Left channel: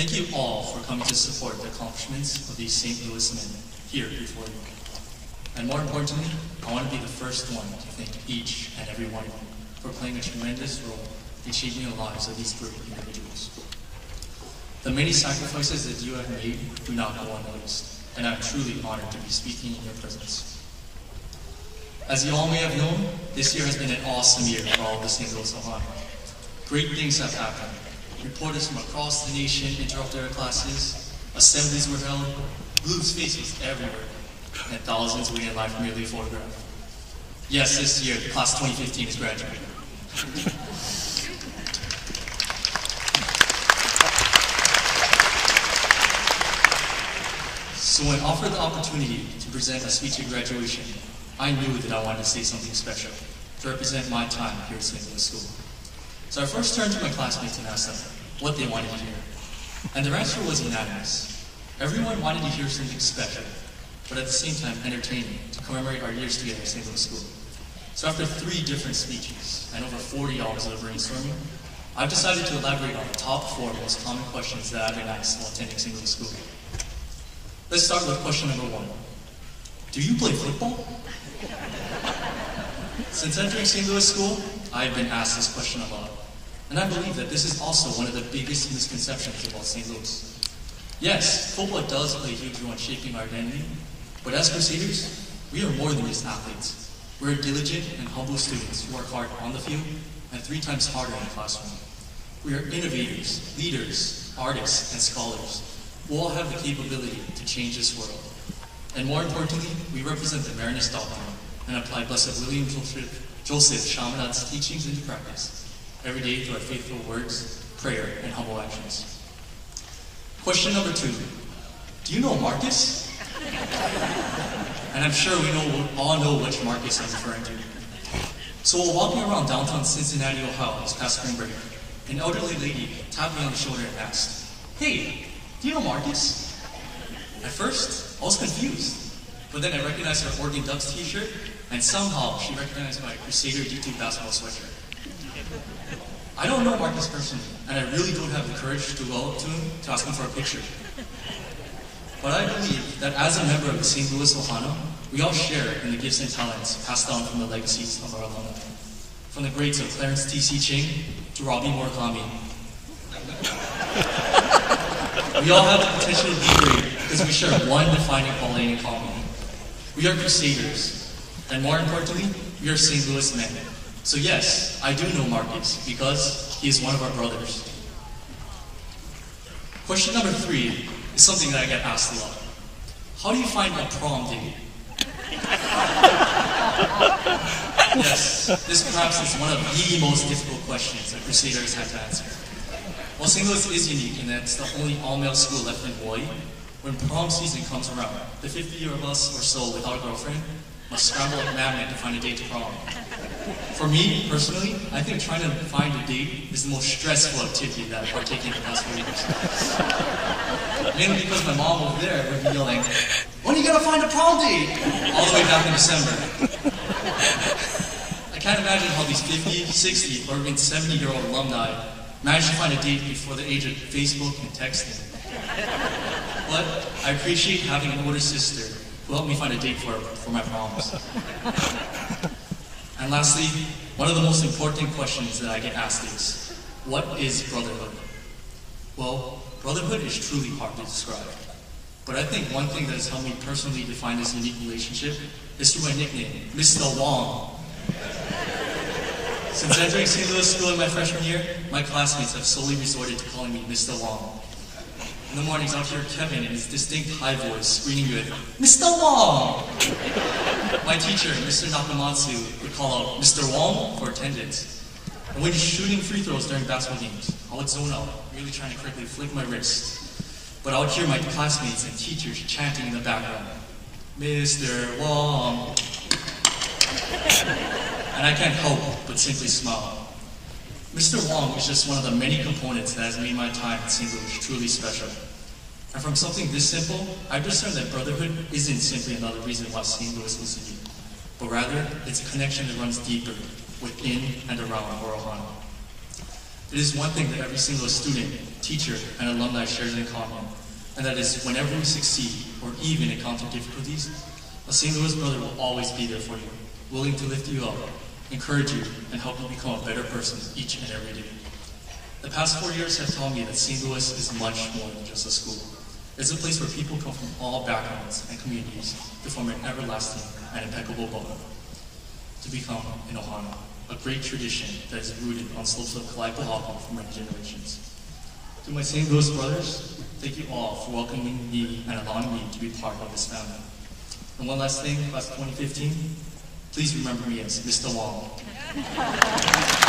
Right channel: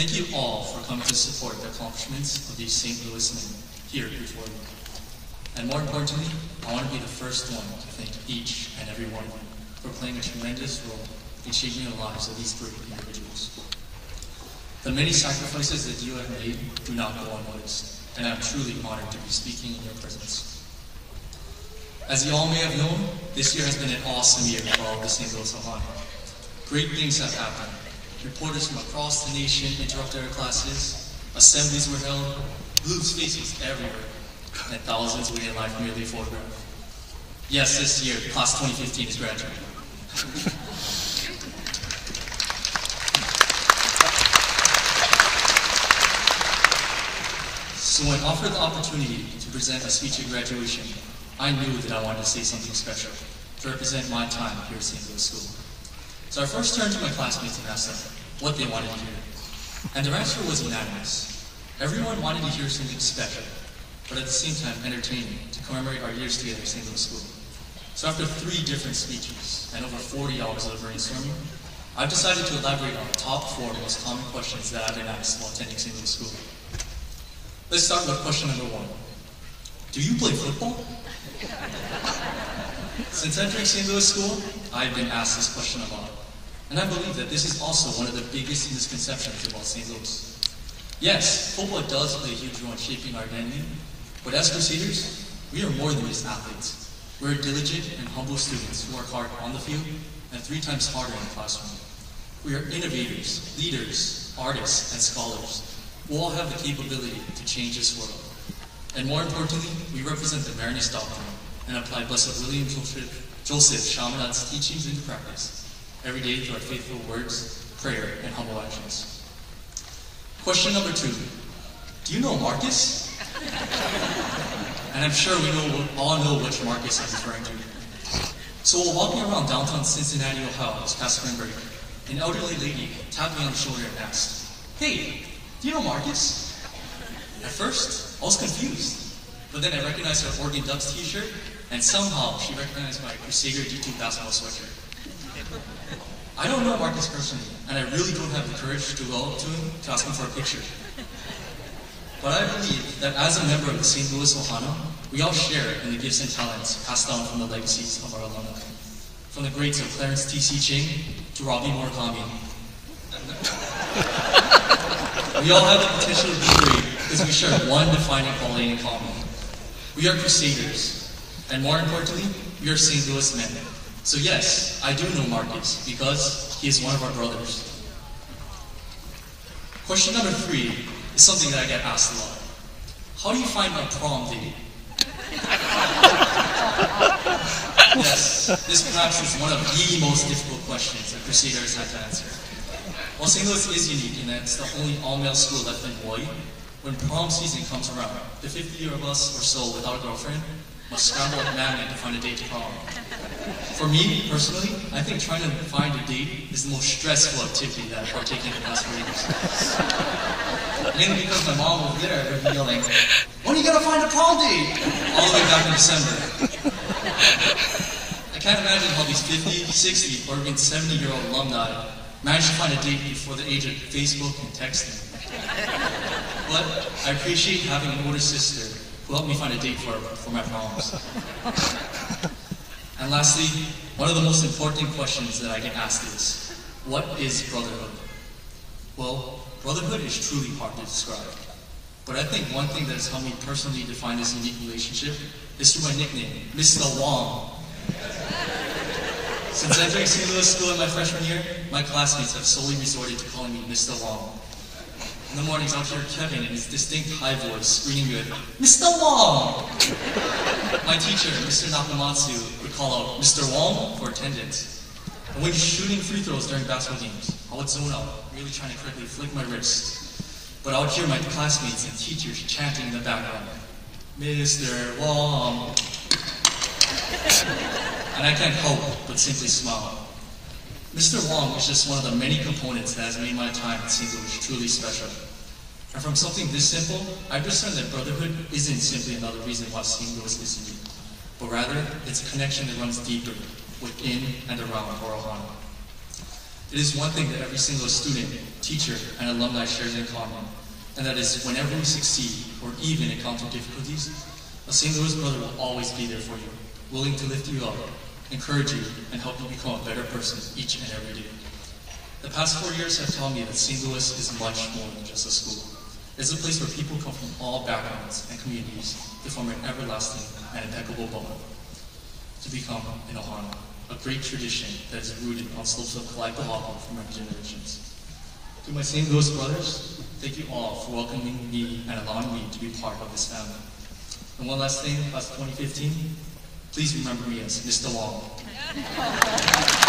Thank you all for coming to support the accomplishments of these St. Louis men here before you. And more importantly, I want to be the first one to thank each and every one of you for playing a tremendous role in shaping the lives of these great individuals. The many sacrifices that you have made do not go unnoticed, and I'm truly honored to be speaking in your presence. As you all may have known, this year has been an awesome year for all of the St. Louis Ohio. Great things have happened. Reporters from across the nation interrupted our classes, assemblies were held, Blue's face was everywhere, and thousands waited in line for nearly photograph. Yes, this year, class 2015 is graduating. So when offered the opportunity to present a speech at graduation, I knew that I wanted to say something special to represent my time here at St. Louis School. So I first turned to my classmates and asked them what they wanted to hear. And their answer was unanimous. Everyone wanted to hear something special, but at the same time entertaining to commemorate our years together at St. Louis School. So after 3 different speeches and over 40 hours of brainstorming, I've decided to elaborate on the top 4 most common questions that I've been asked while attending St. Louis School. Let's start with question number 1. Do you play football? Since entering St. Louis School, I've been asked this question a lot. And I believe that this is also one of the biggest misconceptions about St. Louis. Yes, football does play a huge role in shaping our identity, but as Crusaders, we are more than just athletes. We're diligent and humble students who work hard on the field and 3 times harder in the classroom. We are innovators, leaders, artists, and scholars who all have the capability to change this world. And more importantly, we represent the Marinus doctrine and apply Blessed William Joseph Chaminade's teachings into practice every day through our faithful words, prayer, and humble actions. Question number 2. Do you know Marcus? And I'm sure we all know which Marcus I'm referring to. So while walking around downtown Cincinnati, Ohio this past spring break, an elderly lady tapped me on the shoulder and asked, "Hey, do you know Marcus?" At first, I was confused, but then I recognized her Oregon Ducks t-shirt, and somehow she recognized my Crusader D2 basketball sweatshirt. I don't know Marcus personally, and I really don't have the courage to go up to him to ask him for a picture. But I believe that as a member of the St. Louis Ohana, we all share in the gifts and talents passed down from the legacies of our alumni. From the greats of Clarence T.C. Ching to Robbie Murakami. We all have the potential to be great because we share one defining quality in common. We are Crusaders, and more importantly, we are St. Louis men. So yes, I do know Marcus because he is one of our brothers. Question number 3 is something that I get asked a lot. How do you find a prom date? Yes, this perhaps is one of the most difficult questions that Crusaders have to answer. While St. Louis is unique in that it's the only all-male school left in Hawaii, when prom season comes around, the 50 of us or so without a girlfriend must scramble like madmen to find a date to prom. For me, personally, I think trying to find a date is the most stressful activity that I've partaken in the past 4 years. Mainly because my mom over there would be yelling, "When are you gonna find a prom date?" all the way back in December. I can't imagine how these 50, 60, or even 70-year-old alumni managed to find a date before the age of Facebook and texting. But I appreciate having an older sister who helped me find a date for my proms. And lastly, one of the most important questions that I get asked is, what is brotherhood? Well, brotherhood is truly hard to describe. But I think one thing that has helped me personally define this unique relationship is through my nickname, Mistah Wong. Since entering St. Louis School in my freshman year, my classmates have solely resorted to calling me Mistah Wong. In the mornings, I'll hear Kevin in his distinct high voice screaming with, "Mr. Wong!" My teacher, Mr. Nakamatsu, would call out Mr. Wong for attendance. And when shooting free throws during basketball games, I would zone out, really trying to quickly flick my wrist. But I would hear my classmates and teachers chanting in the background, "Mr. Wong!" And I can't help but simply smile. Mr. Wong is just one of the many components that has made my time at St. Louis truly special. And from something this simple, I've discerned that brotherhood isn't simply another reason why St. Louis is unique, but rather it's a connection that runs deeper within and around our Ohana. It is one thing that every single student, teacher, and alumni shares in common, and that is whenever we succeed or even encounter difficulties, a St. Louis brother will always be there for you, willing to lift you up, encourage you, and help you become a better person each and every day. The past 4 years have taught me that St. Louis is much more than just a school. It's a place where people come from all backgrounds and communities to form an everlasting and impeccable bond, to become an ohana, a great tradition that is rooted on slopes of Kalaipahoa for many generations. To my St. Louis brothers, thank you all for welcoming me and allowing me to be part of this family. And one last thing, class of 2015, please remember me as Mr. Wong.